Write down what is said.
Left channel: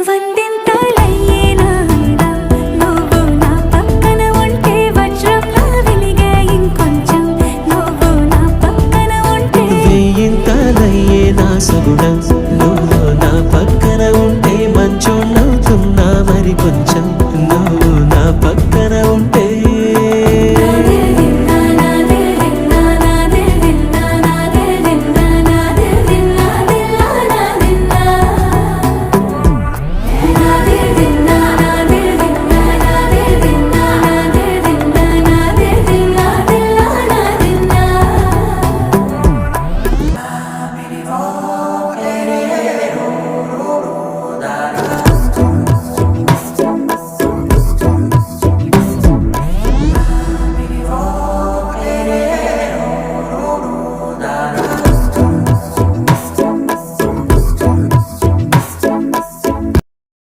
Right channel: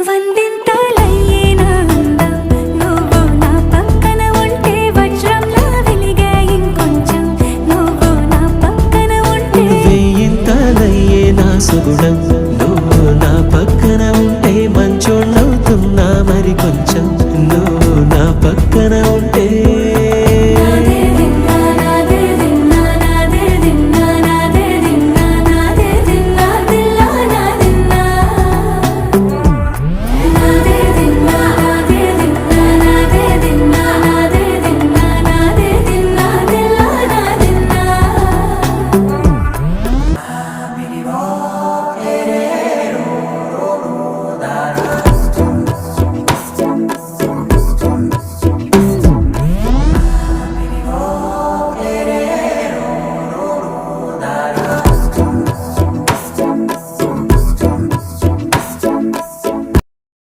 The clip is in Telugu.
వందింతలయ్యేనా అందం నువ్వు నా పక్కన ఉంటే వజ్రంలా వెలిగే ఇంకొంచెం నువ్వు నా పక్కన ఉంటే వేయింతలయ్యేనా సుగుణం